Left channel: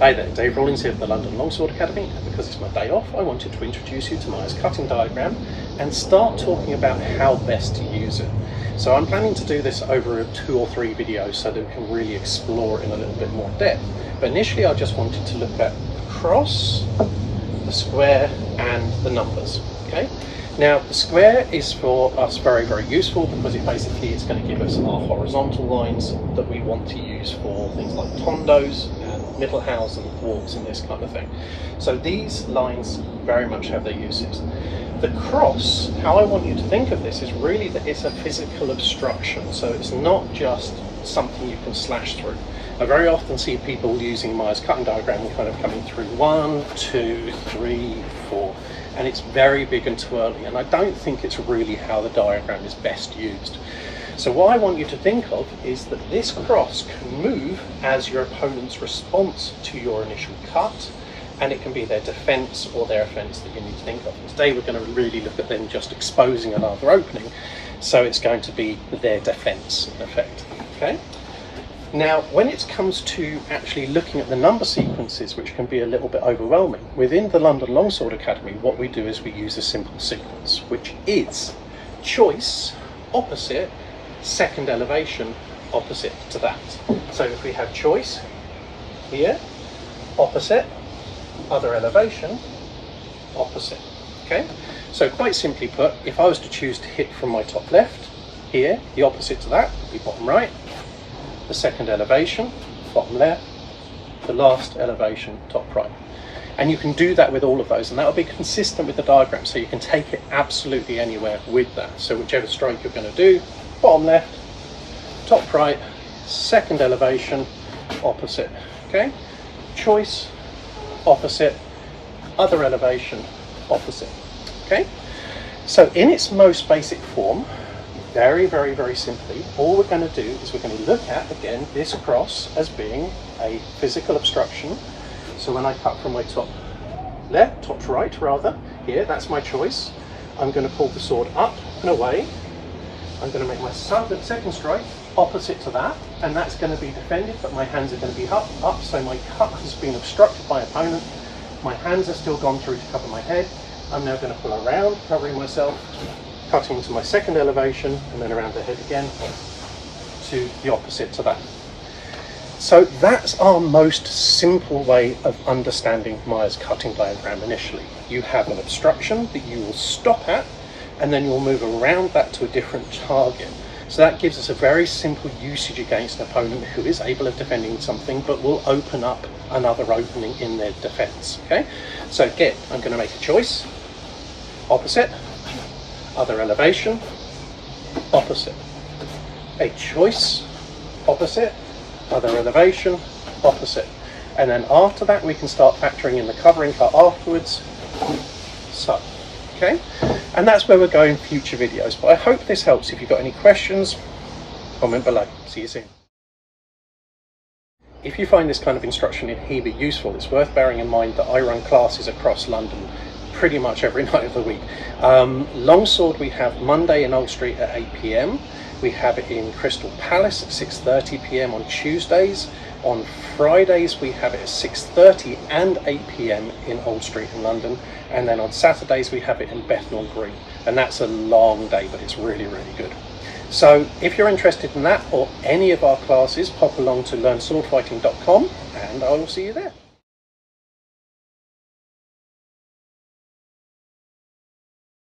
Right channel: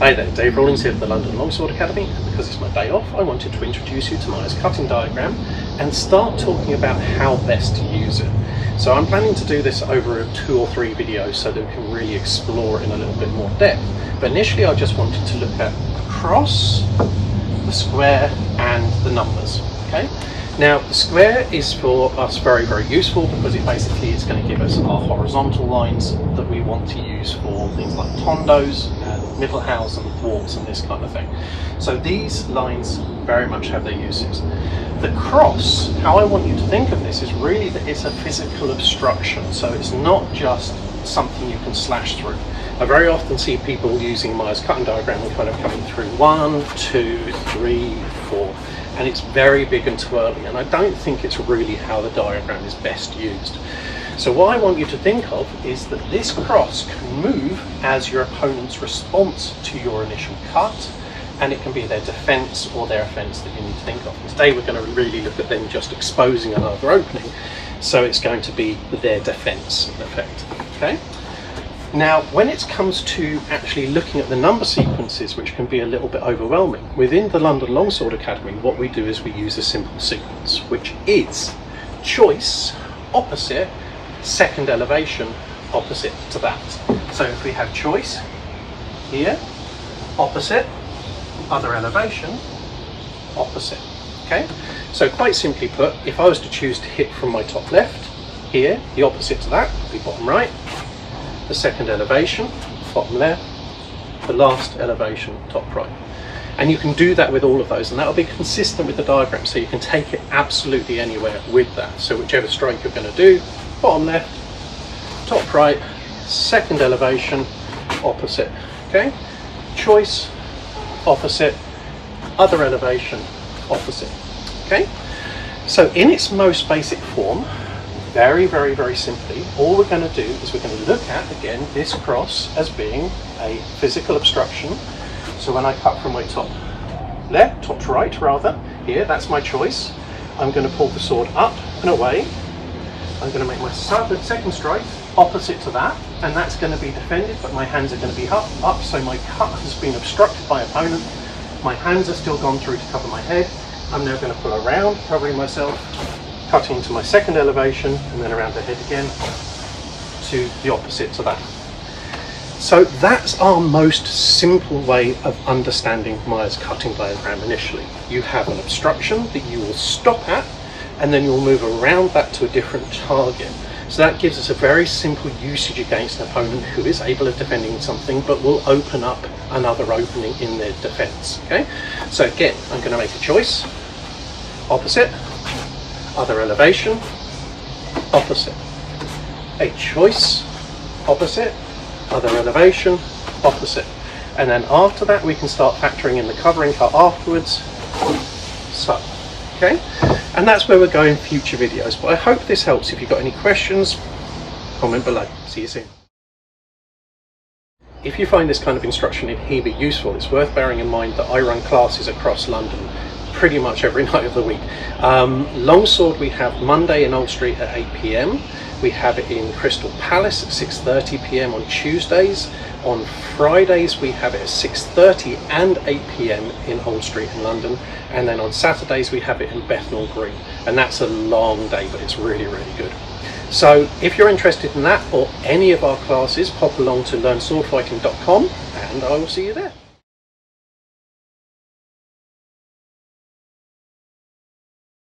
Hi there, David Rawlings here from the London Longsword Academy, and because it's my day off I wanted to introduce you to Meyer's cutting diagram and start talking about how best to use it. So I'm planning to do this over 2 or 3 videos so that we can really explore it in a little bit more depth. But initially I just wanted to look at the cross, the square and the numbers. Okay. Now the square is for us very useful because it basically is going to give us our horizontal lines that we want to use for things like tondos and middlehouse and thwarts and this kind of thing. So these lines very much have their uses. The cross, how I want you to think of this is really that it's a physical obstruction, so it's not just something you can slash through. I very often see people using Meyer's cutting diagram and kind of coming through 1, 2, 3, 4, and it's very big and twirly, and I don't think it's really how the diagram is best used. So what I want you to think of is that this cross can move as your opponent's response to your initial cut, and it can be their defense or their offense that you need to think of. Today we're going to really look at them just exposing another opening, so it's going to be their defense in effect. Okay. Now, when it comes to actually looking at the number sequences, which can be a little bit overwhelming, within the London Longsword Academy, what we do is we use a simple sequence, which is choice, opposite, second elevation, opposite to that. So if we have choice here, opposite, other elevation, opposite. Okay, so quite simply put, if I was to choose to hit from my top left, here, the opposite to that would be bottom right, the second elevation, bottom left, the last elevation, top right. And you can do that with all of those, and that will be consistent with the diagram, so you can take it absolutely anywhere with that. So whichever stroke you're going to do, bottom left, top right, second elevation, opposite. Okay, choice, opposite, other elevation, opposite. Okay, so in its most basic form, very simply, all we're going to do is we're going to look at, again, this cross as being a physical obstruction. So when I cut from my top left, top to right rather, here, that's my choice. I'm going to pull the sword up and away. I'm going to make my second strike opposite to that, and that's going to be defended, but my hands are going to be up, so my cut has been obstructed by opponent. My hands are still gone through to cover my head. I'm now going to pull around, covering myself, cutting to my second elevation, and then around the head again to the opposite to that. So that's our most simple way of understanding Meyer's cutting diagram initially. You have an obstruction that you will stop at, and then you'll move around that to a different target. So that gives us a very simple usage against an opponent who is able of defending something but will open up another opening in their defense. Okay, so again, I'm going to make a choice, opposite, other elevation, opposite, a choice, opposite, other elevation, opposite, and then after that we can start factoring in the covering cut afterwards, so, okay, and that's where we're going in future videos. But I hope this helps. If you've got any questions, comment below. See you soon. If you find this kind of instruction in Hebrew useful, it's worth bearing in mind that I run classes across London pretty much every night of the week. Longsword we have Monday in Old Street at 8 PM. We have it in Crystal Palace at 6:30 PM on Tuesdays. On Fridays we have it at 6:30 and 8 PM in Old Street in London. And then on Saturdays we have it in Bethnal Green. And that's a long day, but it's really good. So if you're interested in that or any of our classes, pop along to learnswordfighting.com and I will see you there.